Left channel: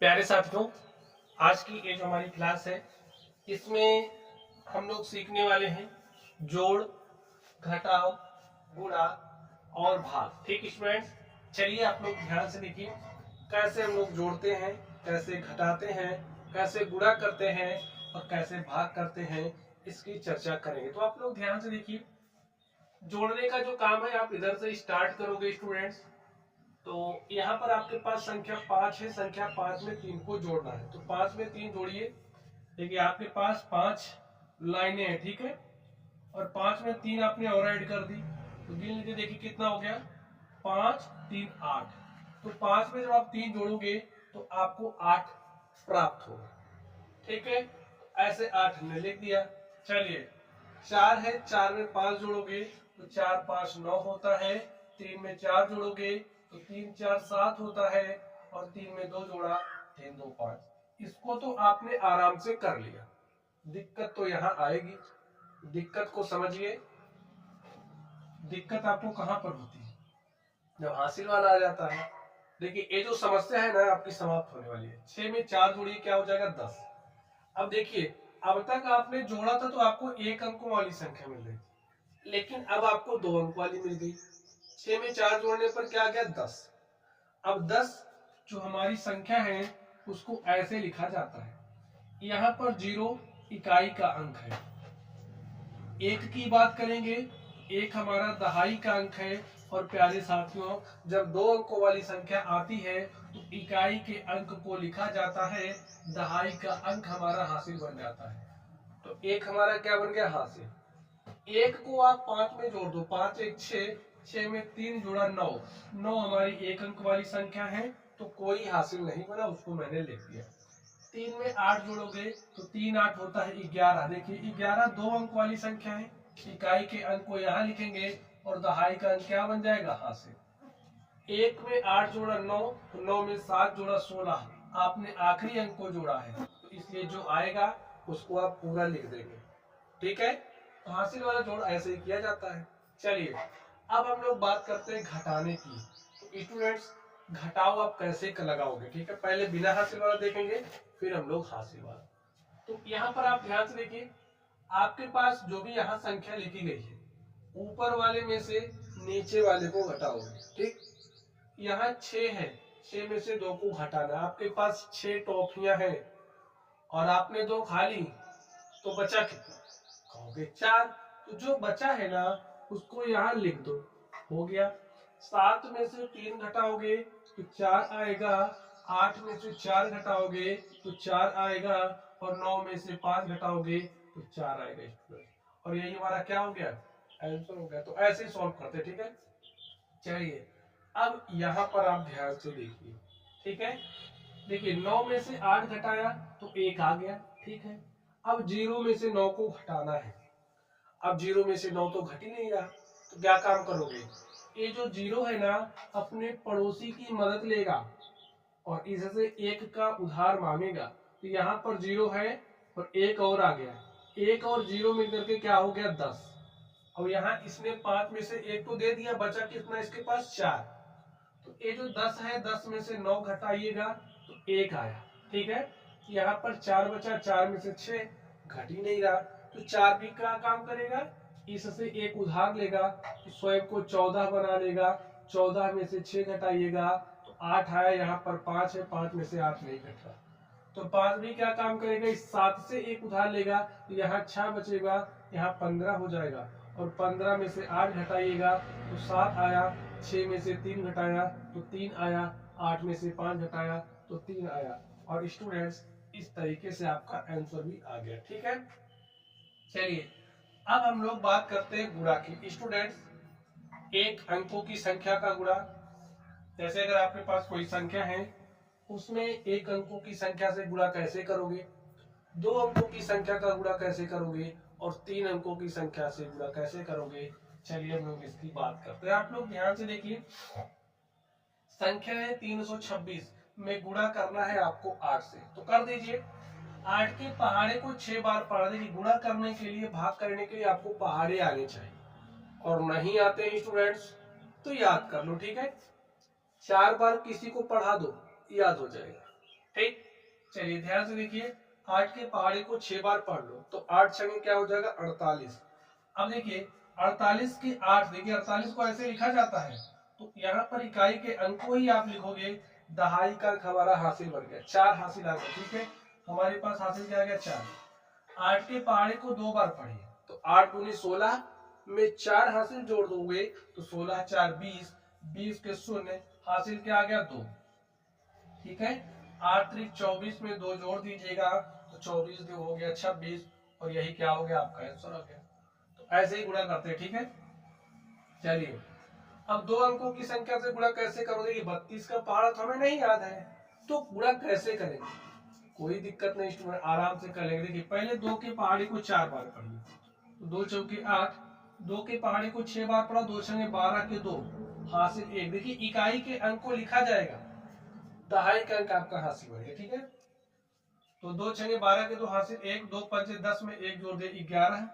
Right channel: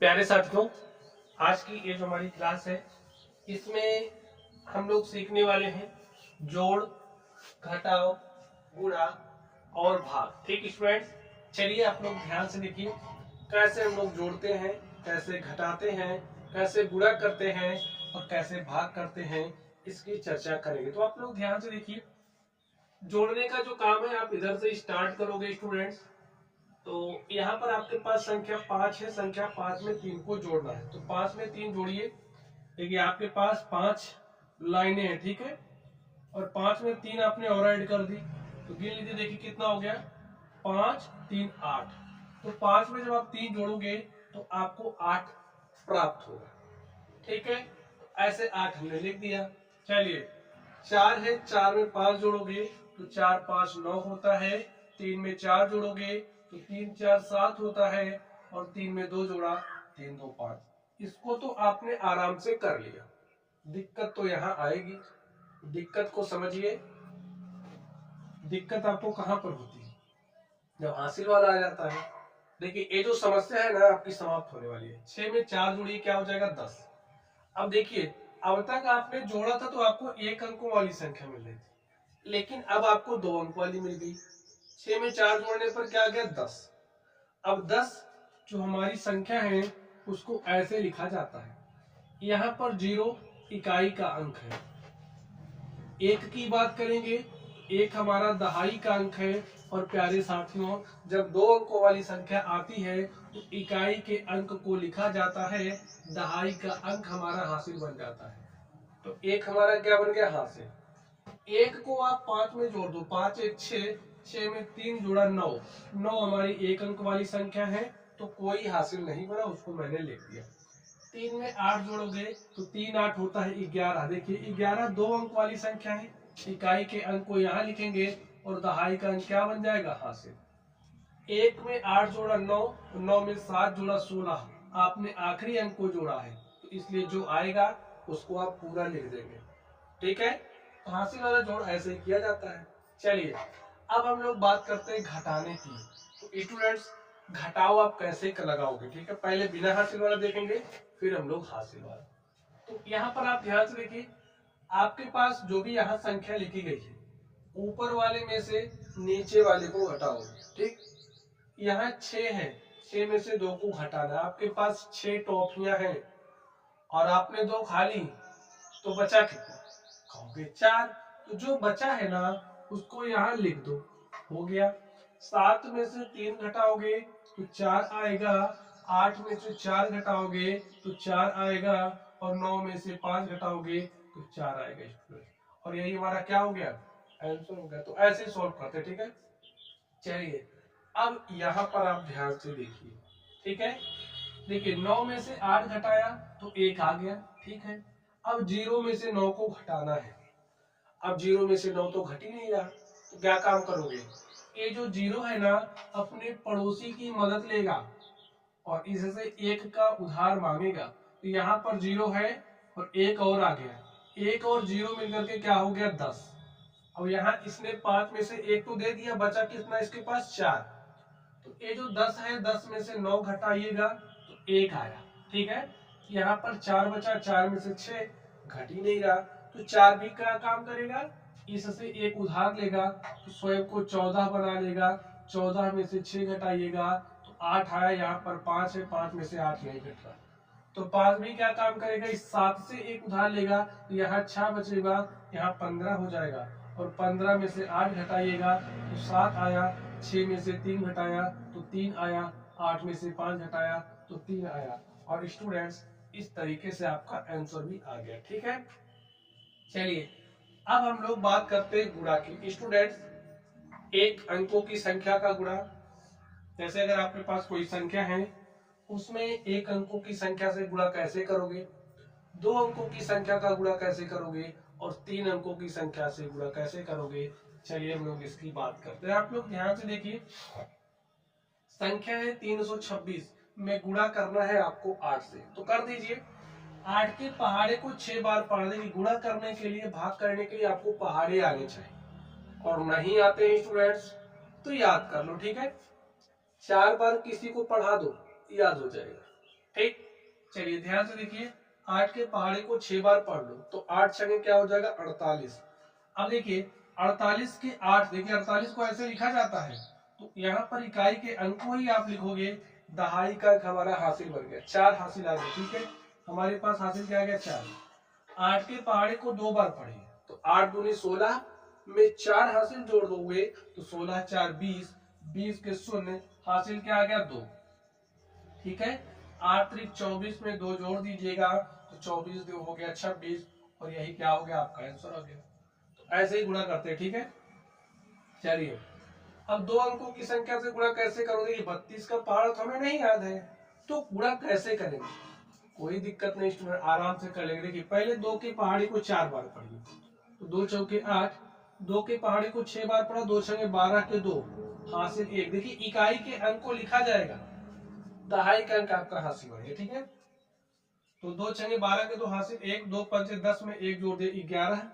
प्यारे साथियों, आज की ये जो हमारी क्लास है इसमें हम लोग सीखने वाले हैं जोड़, घटाव, गुणा और भाग। ठीक स्टूडेंट्स, चलिए आप लोग ध्यान से देखिए कैसे हम लोग जोड़ते हैं, कैसे घटाते हैं, कैसे गुणा करते हैं और कैसे भाग करते हैं, इसकी चर्चा करेंगे। तो आप लोग ध्यान से देखिए, जोड़ने का जो काम है आप इधर से स्टार्ट करोगे स्टूडेंट्स। तो यहाँ पर आपके पास संख्या 5 है, संख्या 5 में 3 को जोड़ना है। तो 5 में 3 जोड़िए। देखिए आपके पास 5 लाइनें हैं, ठीक है, और 5 में 3 आपने और ऐड कर दी। तो गिन लीजिए, देखिए कितना हो गया, 5 3 8। तो 5 में जब आप 3 जोड़ोगे तो आपको 8 प्राप्त होगा। ठीक है, ऐसे 8 हमने लिख दिया। चलिए 4 है, 4 में 5 जोड़ोगे तो 4 5 9 होता है। 3 में 4 जोड़ोगे तो 3 4 7 होता है, और 3 में 2 जोड़ा 3 2 5। इसको तो आपने आराम से कर लिया। दिक्कत तो यहाँ आएगी, दिक्कत को समझिए। दिक्कत आपको कहां पर होती है, जब हासिल वाला आ जाता है। देखिए ये जो समस्या है ना आपकी समाप्त होने वाली है। 6 में 4 जोड़िए, क्या हो जाएगा 10। अब देखिए, अब तक आपने जोड़ा था तो आपको 1 अंकों वाली संख्या मिल रही थी, लेकिन अब आपको 2 अंक वाली मिल गई। 6 में 4 जोड़ने पर क्या आ गया 10। अब 10 जो हमारी संख्या है उसको ऐसे लिखा जाता है, यहाँ पर 0 इकाई का अंक है। 1 की बात करेंगे, 1 हमारा दहाई का अंक है। और प्यारे साथियों, जब 2 अंकों वाली संख्या आती है तो इकाई के अंक को लिखा जाता है, दहाई का अंक हमारा हासिल बन जाता है। तो 1 हमारा क्या बन गया, हासिल। 1 को आप 5 में जोड़ दो, 5 1 6, 6 में 3 जोड़ा 9, 9 हमारी 1 अंक वाली संख्या है, तो कोई हासिल नहीं बना, उसको मैंने लिख दिया। 3 में 8 जोड़ोगे तो 3 8 होता है 11। देखिए 11 2 अंक वाली संख्या है, इकाई के अंक को यहाँ लिखेंगे और दहाई का अंक क्या बन जाएगा, हासिल। 1 में 8 जोड़ा 9, तो 9 में 7 जोड़ा 16। आपने आखिरी अंक को जोड़ा है, तो इसलिए जो आएगा उसको आप पूरा लिख देंगे। ठीक है, तो हासिल वाला जोड़ ऐसे ही किया जाता है। चलिए अब हम लोग बात करते हैं घटाने की। तो स्टूडेंट्स, घटाओ आप कैसे लगाओगे, ठीक है, पहले बिना हासिल वाला देखेंगे, फिर हम लोग हासिल वाला। तो यहाँ पर आप ध्यान से देखिए, आपके पास जो भी यहाँ संख्या लिखी गई है, ऊपर वाले में से नीचे वाले को घटाओगे। ठीक, यहाँ 6 है, 6 में से 2 को घटाना है। आपके पास 6 टॉफियां हैं और आपने 2 खा ली, तो बचा कितना, कहोगे 4। तो जो बचा है ना उसको यहाँ लिख दो, हो गया। 7 में से 3 घटाओगे तो 4 आएगा। 8 में से 4 घटाओगे तो 4 आएगा, और 9 में से 5 घटाओगे तो 4 आएगा स्टूडेंट। और यही हमारा क्या हो गया, आंसर हो गया। तो ऐसे ही सॉल्व करते, ठीक है। चलिए अब यहाँ पर आप ध्यान से देखिए, ठीक है। देखिए 9 में से 8 घटाया तो 1 आ गया, ठीक है। अब 0 में से 9 को घटाना है। अब 0 में से 9 तो घट ही नहीं रहा, तो क्या काम करोगे, ये जो 0 है ना अपने पड़ोसी की मदद लेगा और इससे 1 का उधार मांगेगा। तो यहाँ पर 0 है और 1 और आ गया, 1 और 0 मिलकर के क्या हो गया 10। अब यहाँ इसने 5 में से 1 तो दे दिया, बचा कितना इसके पास 4। तो ये जो 10 है, 10 में से 9 घटाइएगा तो 1 आया, ठीक है। यहाँ पर 4 बचा, 4 में से 6 घट ही नहीं रहा, तो 4 भी क्या काम करेगा, इससे 1 उधार लेगा तो स्वयं को 14 बना लेगा। 14 में से 6 घटाइएगा तो 8 आया, यहाँ पर 5 है, 5 में से 8 नहीं घट रहा, तो 5 भी क्या काम करेगा, इस 7 से 1 उधार लेगा, तो यहाँ 6 बचेगा, यहाँ 15 हो जाएगा। और 15 में से 8 घटाइएगा तो 7 आया, 6 में से 3 घटाया तो 3 आया, 8 में से 5 घटाया तो 3 आया। और स्टूडेंट्स इस तरीके से आपका आंसर भी आ गया, ठीक है। चलिए अब हम लोग बात करते हैं गुणा की। स्टूडेंट्स, एक अंकों की संख्या का गुणा, जैसे अगर आपके पास कोई संख्या है उसमें 1 अंकों की संख्या से गुणा कैसे करोगे, 2 अंकों की संख्या का गुणा कैसे करोगे, और 3 अंकों की संख्या से गुणा कैसे करोगे। चलिए हम लोग इसकी बात करते हैं। आप लोग ध्यान से देखिए, संख्या है 326 में गुणा करना है आपको 8 से, तो कर दीजिए। 8 के पहाड़े को 6 बार पढ़ देंगे। गुणा करने के लिए, भाग करने के लिए आपको पहाड़े आने चाहिए, और नहीं आते हैं स्टूडेंट्स तो याद कर लो, ठीक है। 4 बार किसी को पढ़ा दो, याद हो जाएगा, ठीक। चलिए ध्यान से देखिए, 8 के पहाड़े को 6 बार पढ़ लो तो 8 छंगे क्या हो जाएगा 48। अब देखिए 48 के 8, देखिए 48 को ऐसे लिखा जाता है, तो यहाँ पर इकाई के अंक को ही आप लिखोगे, दहाई का अंक हमारा हासिल बन गया, 4 हासिल आ गया। ठीक है, हमारे पास हासिल क्या आ गया 4। 8 के पहाड़े को 2 बार पढ़िए तो 8 दूनी 16 में 4 हासिल जोड़ दोगे तो 16 4 20, 20 के शून्य, हासिल क्या आ गया 2। ठीक है, 8 त्रिक 24 में 2 जोड़ दीजिएगा तो 24 2 हो गया 26, और यही क्या हो गया आपका आंसर आ गया। तो ऐसे ही गुणा करते हैं। ठीक है, चलिए अब दो अंकों की संख्या से गुणा कैसे करोगे, 32 का पहाड़ तो हमें नहीं याद है, तो गुणा कैसे करेंगे, कोई दिक्कत नहीं स्टूडेंट, आराम से कर लेंगे। देखिए पहले 2 के पहाड़ी को 4 बार पढ़िए, तो 2 चौके 8, 2 के पहाड़ी को 6 बार पढ़ा, 2 छंगे 12 के 2, हासिल 1। देखिए इकाई के अंक को लिखा जाएगा, दहाई का अंक आपका हासिल बन गया। ठीक है, तो 2 छंगे 12 के 2 हासिल 1, 2 पंचे 10 में 1 जोड़ दे 11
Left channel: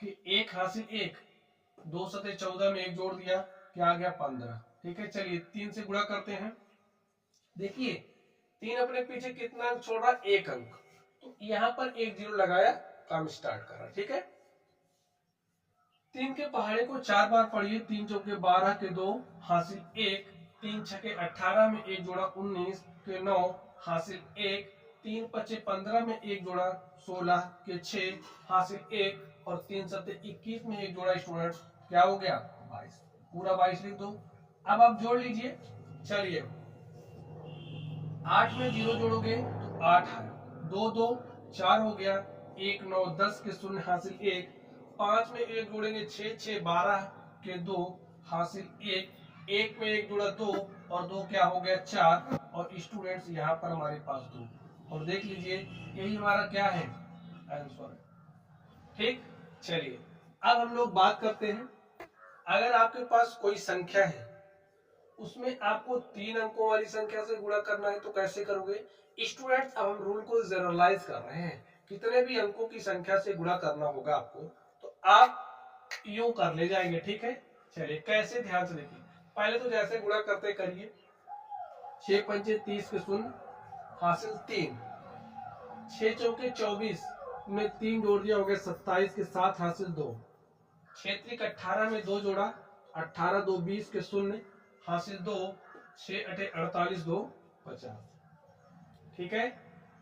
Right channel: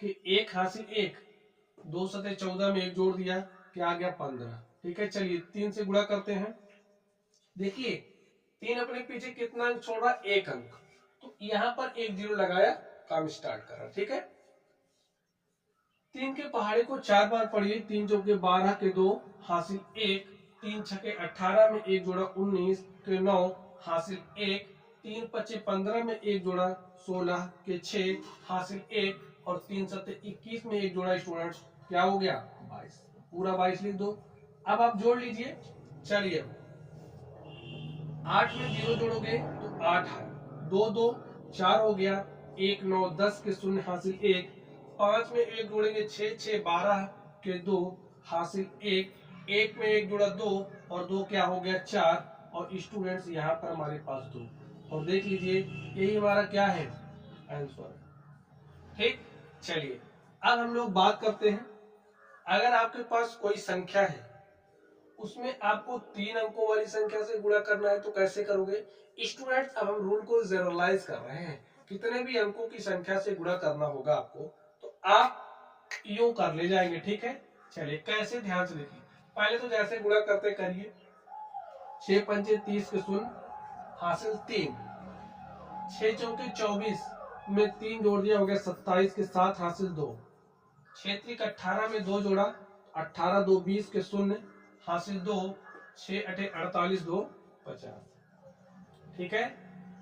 के 1 हासिल 1, 2 सते 14 में 1 जोड़ दिया, क्या आ गया 15। ठीक है, चलिए 3 से गुणा करते हैं। देखिए 3 अपने पीछे कितना अंक छोड़ रहा, 1 अंक, तो यहां पर 1 0 लगाया, काम स्टार्ट कर रहा। ठीक है, 3 के पहाड़े को 4 बार पढ़िए, 3 चौके 12 के 2 हासिल 1, 3 छके 18 में 1 जोड़ा 19 के 9 हासिल 1, 3 पचे 15 में 1 जोड़ा 16 के 6 हासिल 1, और 3 सत्ते 21 में 1 जोड़ा स्टूडेंट क्या हो गया 22, पूरा 22 लिख दो। अब आप जोड़ लीजिए, चलिए 8 में 0 जोड़ोगे तो 8 आया, 2 2 4 हो गया, 1 9 10 के शून्य हासिल 1, 5 में 1 जोड़ेंगे 6 6 12 के 2 हासिल 1, 1 में 1 जोड़ा 2 और 2 क्या हो गया 4, और स्टूडेंट्स यहाँ पर हमारे पास 2, और देख लीजिए यही हमारा क्या है आंसर। ठीक, चलिए अब हम लोग बात करते हैं, अगर आपके पास कोई संख्या है उसमें आपको 3 अंकों वाली संख्या से गुणा करना है तो कैसे करोगे स्टूडेंट्स। अब हम रूल को जनरलाइज कर रहे हैं, कितने भी अंकों की संख्या से गुणा करना होगा आपको, तो आप यूं कर ले जाएंगे। ठीक है, चलिए कैसे, ध्यान से देखिए, पहले तो जैसे गुणा करते करिए, 6 पंचे 30 के शून्य हासिल 3, 6 चौके 24 में 3 जोड़ दिया हो गया 27 के 7 हासिल 2, 6 त्रिक 18 में 2 जोड़ा 18 2 20 के शून्य हासिल 2, 6 अठे 48 2 50। ठीक है,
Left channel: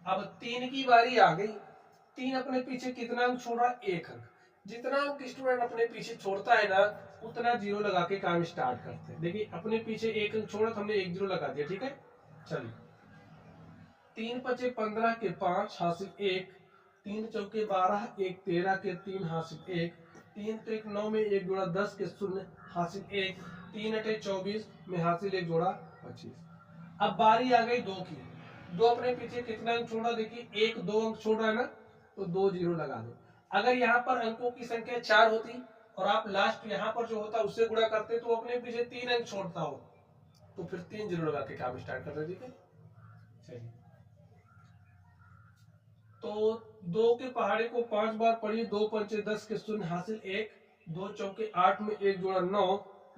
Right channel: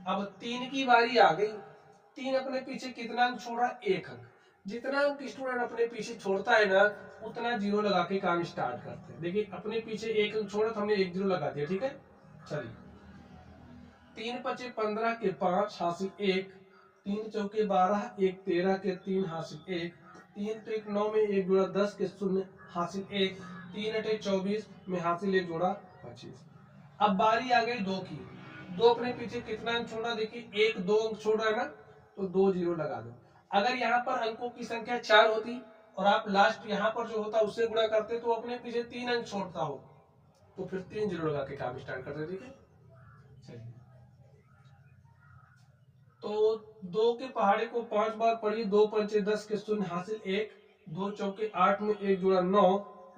अब 3 की बारी आ गई, 3 अपने पीछे कितना अंक छोड़ा 1 अंक, जितना अंक स्टूडेंट अपने पीछे छोड़ता है ना उतना 0 लगा के काम स्टार्ट करते हैं। देखिए अपने पीछे 1 अंक छोड़ा तो हमने 1 0 लगा दिया। ठीक है, चलिए 3 पचे 15 के 5 हासिल 1, 3 चौके 12 1 13 के 3 हासिल 1, 3 त्रिक 9 में 1 जोड़ा 10 के शून्य हासिल 1, 3 अठे 24 में हासिल 1 जोड़ा 25। अब बारी आ गई 2 की, 2 अपने पीछे कितना अंक छोड़ा, देखिए 1 2 अंक छोड़ रहा है ना, तो 2 0 लगा दो। अगर यहाँ पर अंकों की संख्या 4 होती और आप लास्ट यहाँ पर जो होता उससे गुणा करते तो अपने पीछे 3 अंक छोड़ता हो, तो फिर 3 0 लगा के काम स्टार्ट करते। ठीक है, चलिए तो 2 के पहाड़े को 5 बार पढ़िए, 2 पंचे 10 के शून्य हासिल 1, 2 चौके 8 में 1 जोड़ा 9,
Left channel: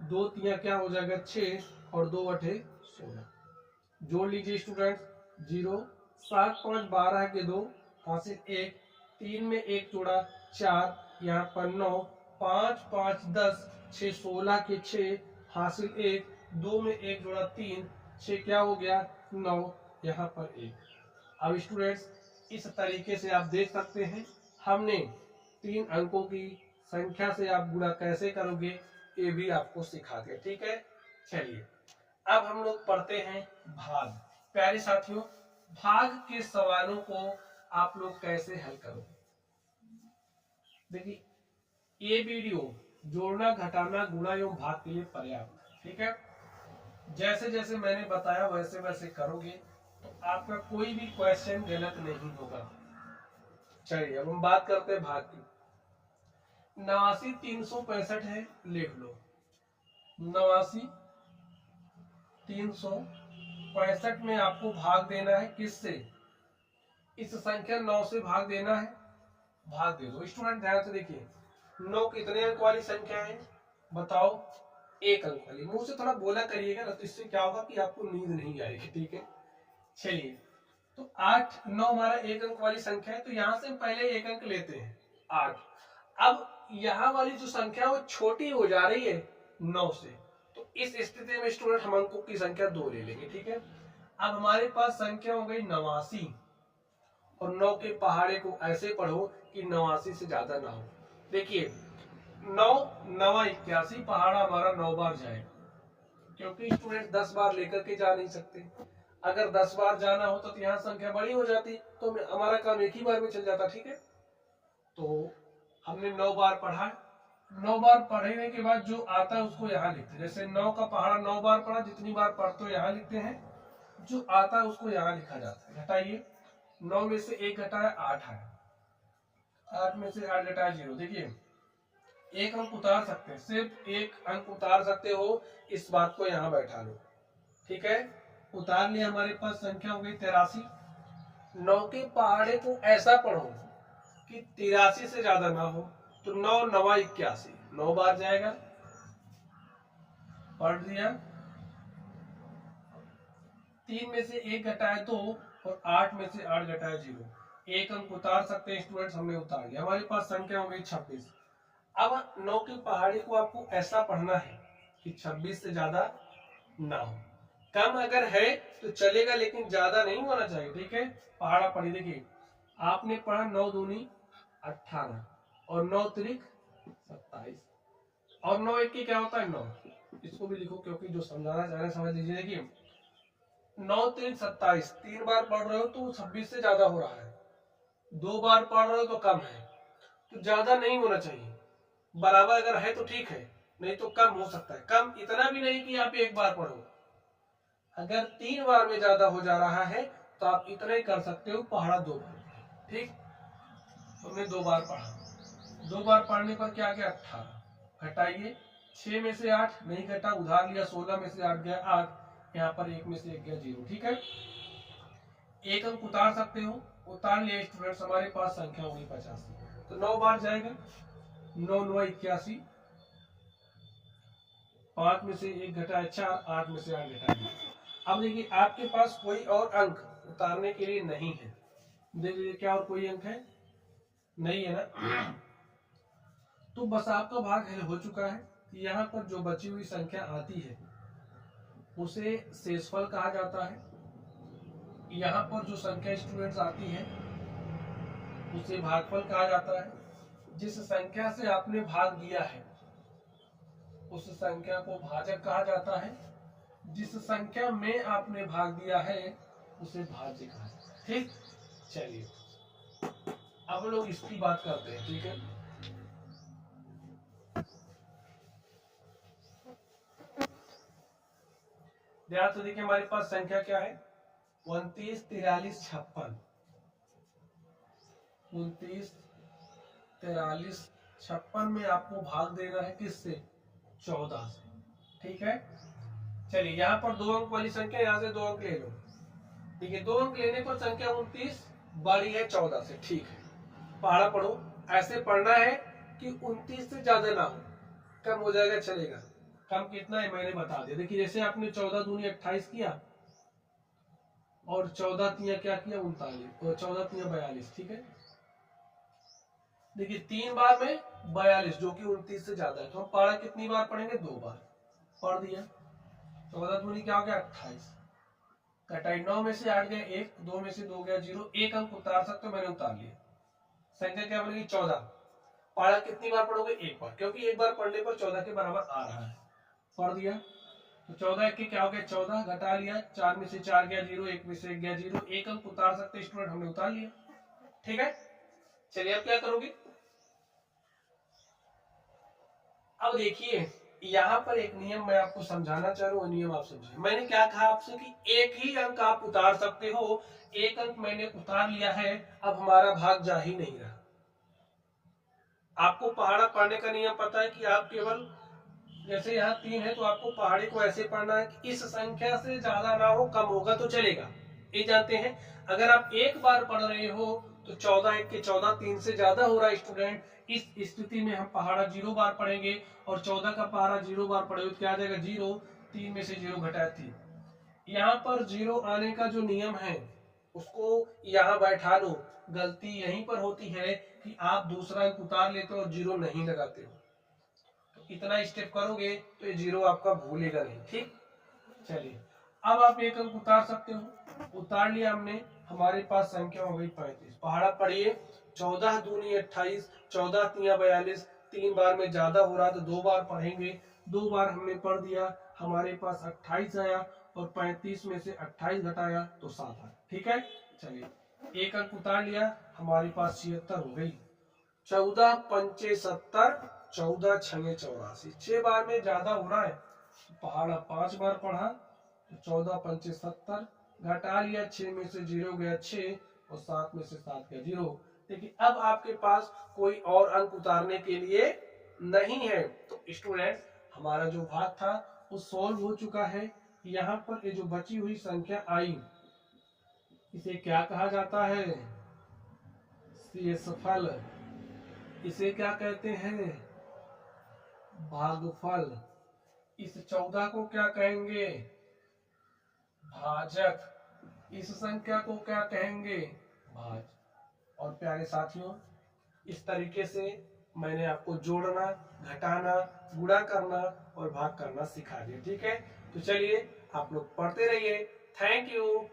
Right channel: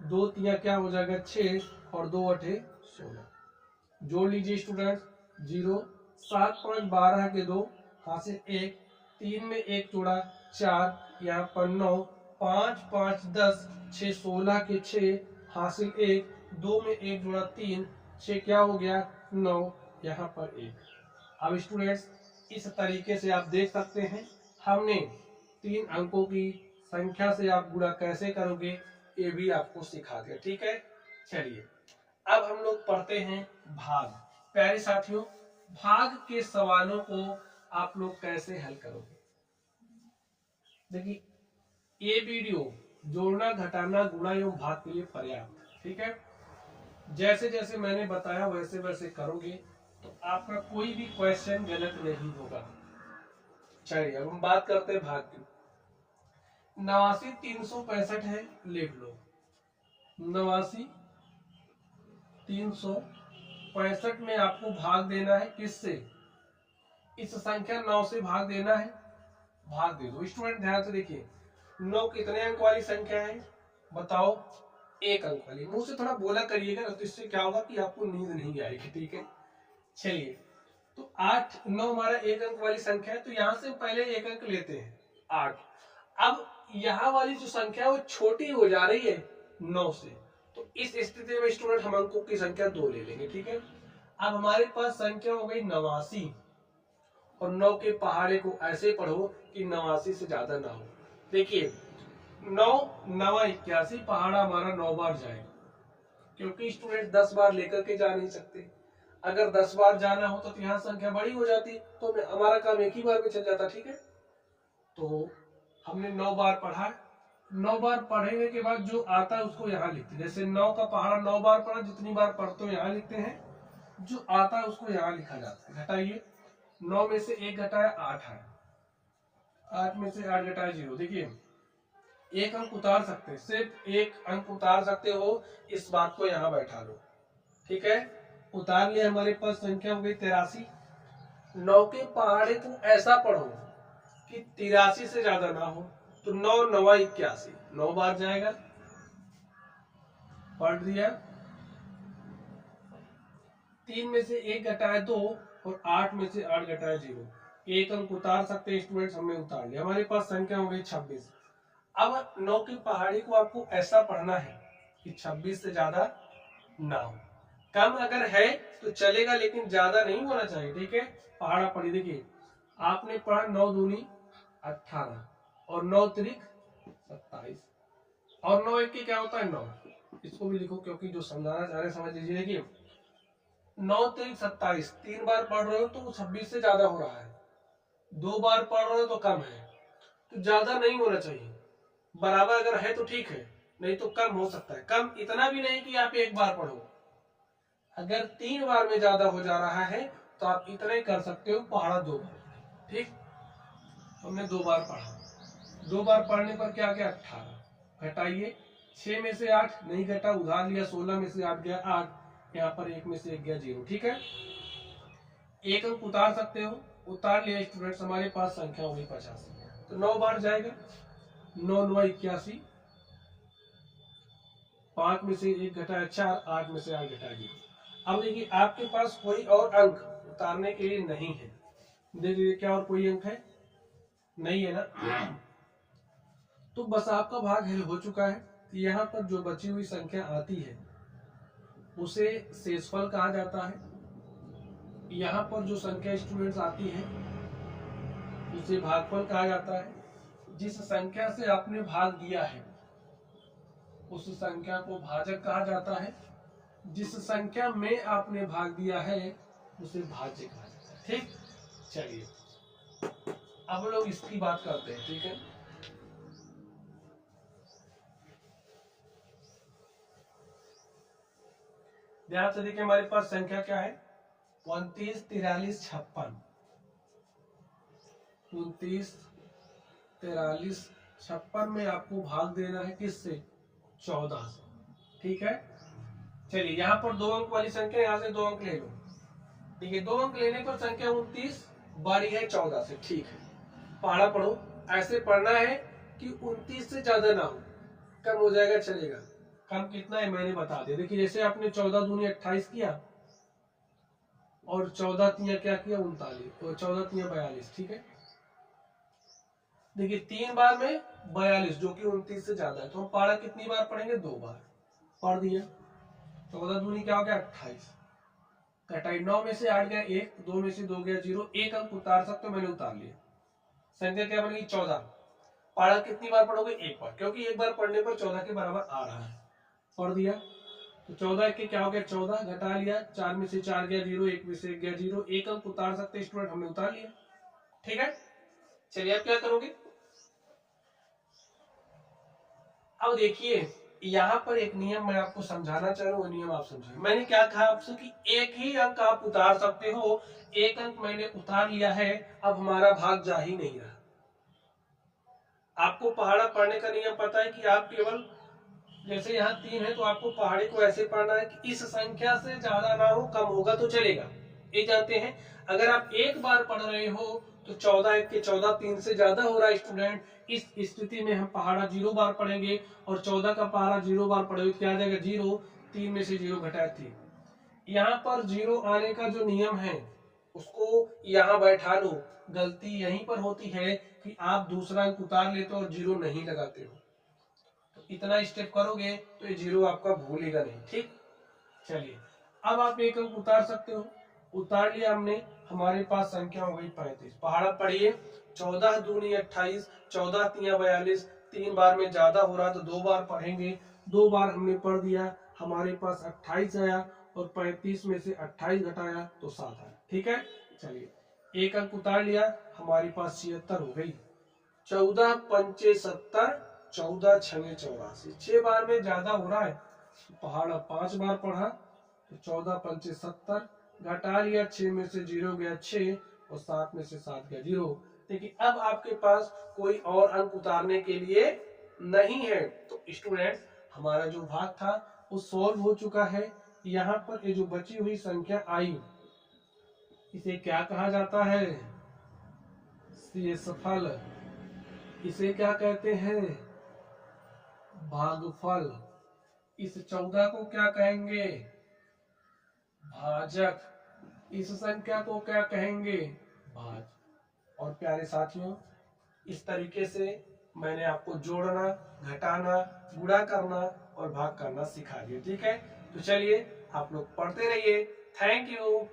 2 तिया क्या हो जाएगा 6 और 2 अठे 16, जोड़ लीजिए स्टूडेंट 0, 7 5 12 के 2 हासिल 1, 3 में 1 जोड़ा 4, यहाँ पर 9, 5 5 10 6 16 के 6 हासिल 1, 2 में 1 जोड़ा 3, 6 क्या हो गया 9, यहाँ पर 1। अब स्टूडेंट्स इस तरीके से आप देख सकते हैं, हमने 3 अंकों की संख्या से आप गुणा कैसे करोगे ये भी आपको सिखा दिया। ठीक है, चलिए अब हम लोग पढ़ते हैं भाग। प्यारे साथियों, भाग के सवालों को आप लोग कैसे हल करोगे। देखिए ये वीडियो जोड़ना घटाना गुणा एवं भाग के लिए पर्याप्त। ठीक है, जैसे जैसे मैंने बताया वैसे वैसे करोगे तो आपका कोई भी क्वेश्चन गलत नहीं होगा। चलिए अब हम बात करते हैं भाग की। 89 365 है, लिख लो 89 365 में आपको भाग देना है किससे, इस संख्या 9 से भाग देना है, भाग दे दो। स्टूडेंट ध्यान से देखिए, 9 कितने अंक वाली संख्या है बताओ, 1 अंक वाली। मुंह से थोड़ा बोला करिएगा तो इससे क्या होगा कि आपको नींद नहीं आएगी। ठीक है, चलिए तो 8 9 हमारा एक अंक वाली संख्या है, तो यहां से हम पहले एक अंक लेते हैं 8। अब यहाँ वाली जो संख्या वो छोटी हो जा रही है 9 से, तो इस स्थिति में स्टूडेंट हम अंकों की संख्या 2 ले लेंगे। ठीक है, अब हमारे पास संख्या हो गई 89 और 9 के पहाड़े को ऐसे पढ़ो कि 89 से ज्यादा ना हो। देखिए 9 9 81 पहाड़ा हमारा 9 बार जाएगा, क्योंकि स्टूडेंट 10 बार लेकर के जा नहीं सकते। अगर 10 बार जाना होता तो यहाँ संख्या बड़ी हो जाती, तो हमारा काम एक ही बार में चल जाता। ठीक है, तो हमने 9 बार पढ़ा, 9 बार पढ़ने के बाद जो आता है उसको यहाँ लिखते हैं। जैसे 9 का पहाड़ा 9 बार पढ़ा, जितनी बार पढ़ते हो यहाँ लिखते हैं, जो आता है उसको यहाँ लिखा जाता है। घटाइए, 9 में से 1 घटाया 8 है, 8 में से 8 घटाया 0। देखिए एक अंक उतार सकते हैं, सिर्फ एक अंक उतार सकते हो, इस बात को यहाँ बैठा लो। ठीक है, उतार लिया, हमारे पास संख्या हो गई 83। 9 के पहाड़े को ऐसा पढ़ो कि 83 से ज्यादा ना हो, तो 9 9 81 9 बार जाएगा, पढ़ दिया। 3 में से 1 घटाया 2 और 8 में से 8 घटाया 0। एक अंक उतार सकते हैं स्टूडेंट्स, हमने उतार लिया। हमारे पास संख्या हो गई 26। अब 9 के पहाड़े को आपको ऐसा पढ़ना है कि 26 से ज्यादा ना हो। कम अगर है तो चलेगा, लेकिन ज्यादा नहीं होना चाहिए। ठीक है, पहाड़ा पढ़ी। देखिए आपने पढ़ा 9 दूनी 18 और 9 त्रिक 27 और 9 एक की क्या होता है 9। इसको भी लिखो, क्योंकि जो समझाना चाह रहे हैं समझ लीजिए। देखिए 9 त्रिक 27, 3 बार पढ़ रहे हो तो 26 से ज्यादा हो रहा है, 2 बार पढ़ रहे हो तो कम है, तो ज्यादा नहीं होना चाहिए। बराबर अगर है तो ठीक है, नहीं तो कम हो सकता है। कम इतना भी नहीं कि आप एक बार पढ़ो, अगर 3 बार में ज्यादा हो जा रहा है तो आप इतना ही कर सकते हो, पढ़ा 2 बार। ठीक, हमने 2 बार पढ़ा, 2 बार पढ़ने पर क्या गया 18। घटाइए, 6 में से 8 नहीं घटा, उधार लिया, 16 में से 8 गया 8, यहाँ पर 1 में से 1 गया 0। ठीक है, एक अंक उतार सकते हो, उतार लिया स्टूडेंट्स, हमारे पास संख्या होगी 85, तो 9 बार जाएगा, 9 9 81, 5 में से 1 घटाया 4, 8 में से 8 घटाया 0। अब देखिए आपके पास कोई और अंक उतारने के लिए नहीं है। देखिए क्या और कोई अंक है नहीं है ना, तो बस आपका भाग हो चुका है। यहाँ पर जो बची हुई संख्या आती है उसे शेषफल कहा जाता है। यहाँ पर जो संख्या स्टूडेंट्स आती है उसे भागफल कहा जाता है। जिस संख्या से आपने भाग दिया है उस संख्या को भाजक कहा जाता है। जिस संख्या में आपने भाग दिया है उसे भाज्य कहा जाता है। ठीक, चलिए अब लोग इसकी बात करते हैं। ठीक है, ध्यान से देखिए, हमारे पास संख्या क्या है 29 43 56। 29 43 56 में आपको भाग देना है किससे 14 से। ठीक है, चलिए यहाँ पर 2 अंक वाली संख्या, यहाँ से 2 अंक ले लो। ठीक है, 2 अंक लेने पर संख्या 29 बड़ी है 14 से। ठीक है, पहाड़ा पढ़ो, ऐसे पढ़ना है कि 29 से ज्यादा ना हो, कम हो जाएगा चलेगा। कम कितना है मैंने बता दिया। देखिए जैसे आपने 14 दूनी 28 किया और 14 तिया क्या किया 39 और 14 तिया 42। ठीक है, देखिए 3 बार में 42 जो कि 29 से ज्यादा है, तो हम पहाड़ा कितनी बार पढ़ेंगे 2 बार। पढ़ दिया, 14 दूनी क्या हो गया 28, घटाई 9 में से 8 गया 1, 2 में से 2 गया 0। एक अंक उतार सकते हो, मैंने उतार लिया। संख्या क्या बनेगी 14। पहाड़ा कितनी बार पढ़ोगे 1 बार, क्योंकि 1 बार पढ़ने पर 14 के बराबर आ रहा है। पढ़ दिया, तो 14 के क्या हो गया 14, घटा लिया, 4 में से 4 गया 0, 1 में से 1 गया 0। एक अंक उतार सकते स्टूडेंट, हमने उतार लिया। ठीक है, चलिए अब क्या करोगे। अब देखिए यहाँ पर एक नियम मैं आपको समझाना चाह रहा हूँ, नियम आप समझिए। मैंने क्या कहा आपसे कि एक ही अंक आप उतार सकते हो, एक अंक मैंने उतार लिया है, अब हमारा भाग जा ही नहीं रहा। आपको पहाड़ा पढ़ने का नियम पता है कि आप केवल जैसे यहाँ 3 है तो आपको पहाड़ी को ऐसे पढ़ना है कि इस संख्या से ज्यादा ना हो, कम होगा तो चलेगा, ये जानते हैं। अगर आप एक बार पढ़ रहे हो तो 14 1 के 14, 3 से ज्यादा हो रहा है स्टूडेंट, इस स्थिति में हम पहाड़ा 0 बार पढ़ेंगे और 14 का पहाड़ा 0 बार पढ़ेंगे तो क्या आ जाएगा 0, 3 में से 0 घटाया 3। यहाँ पर 0 आने का जो नियम है उसको यहाँ बैठा लो। गलती यहीं पर होती है कि आप दूसरा अंक उतार लेते हो और जीरो नहीं लगाते हो। तो इतना स्टेप करोगे तो ये जीरो आपका भूलेगा नहीं। ठीक, चलिए अब आप एक अंक उतार सकते हो। उतार लिया हमने, हमारे पास संख्या हो गई 35। पहाड़ा पढ़िए, 14 दूनी 28, 14 तिया 42। 3 बार में ज्यादा हो रहा तो 2 बार पढ़ेंगे। 2 बार हमने पढ़ दिया, हमारे पास 28 आया और 35 में से 28 घटाया तो 7 आया। ठीक है, चलिए एक अंक उतार लिया, हमारे पास 76 हो गई। 14 पंचे 70, 14 छंगे 84। 6 बार में ज्यादा हो रहा है, पहाड़ा 5 बार पढ़ा तो 14 पंचे 70, घटा लिया, 6 में से 0 गया 6 और 7 में से 7 गया 0। देखिए अब आपके पास कोई और अंक उतारने के लिए नहीं है। तो स्टूडेंट्स हमारा जो भाग था वो सॉल्व हो चुका है। यहाँ पर ये जो बची हुई संख्या आई, इसे क्या कहा जाता है? शेषफल। इसे क्या कहते हैं? भागफल। इस 14 को क्या कहेंगे? भाजक। इस संख्या को क्या कहेंगे? भाज। और प्यारे साथियों, इस तरीके से मैंने आपको जोड़ना, घटाना, गुणा करना और भाग करना सिखा दिया। ठीक है, तो चलिए आप लोग पढ़ते रहिए। Thank you.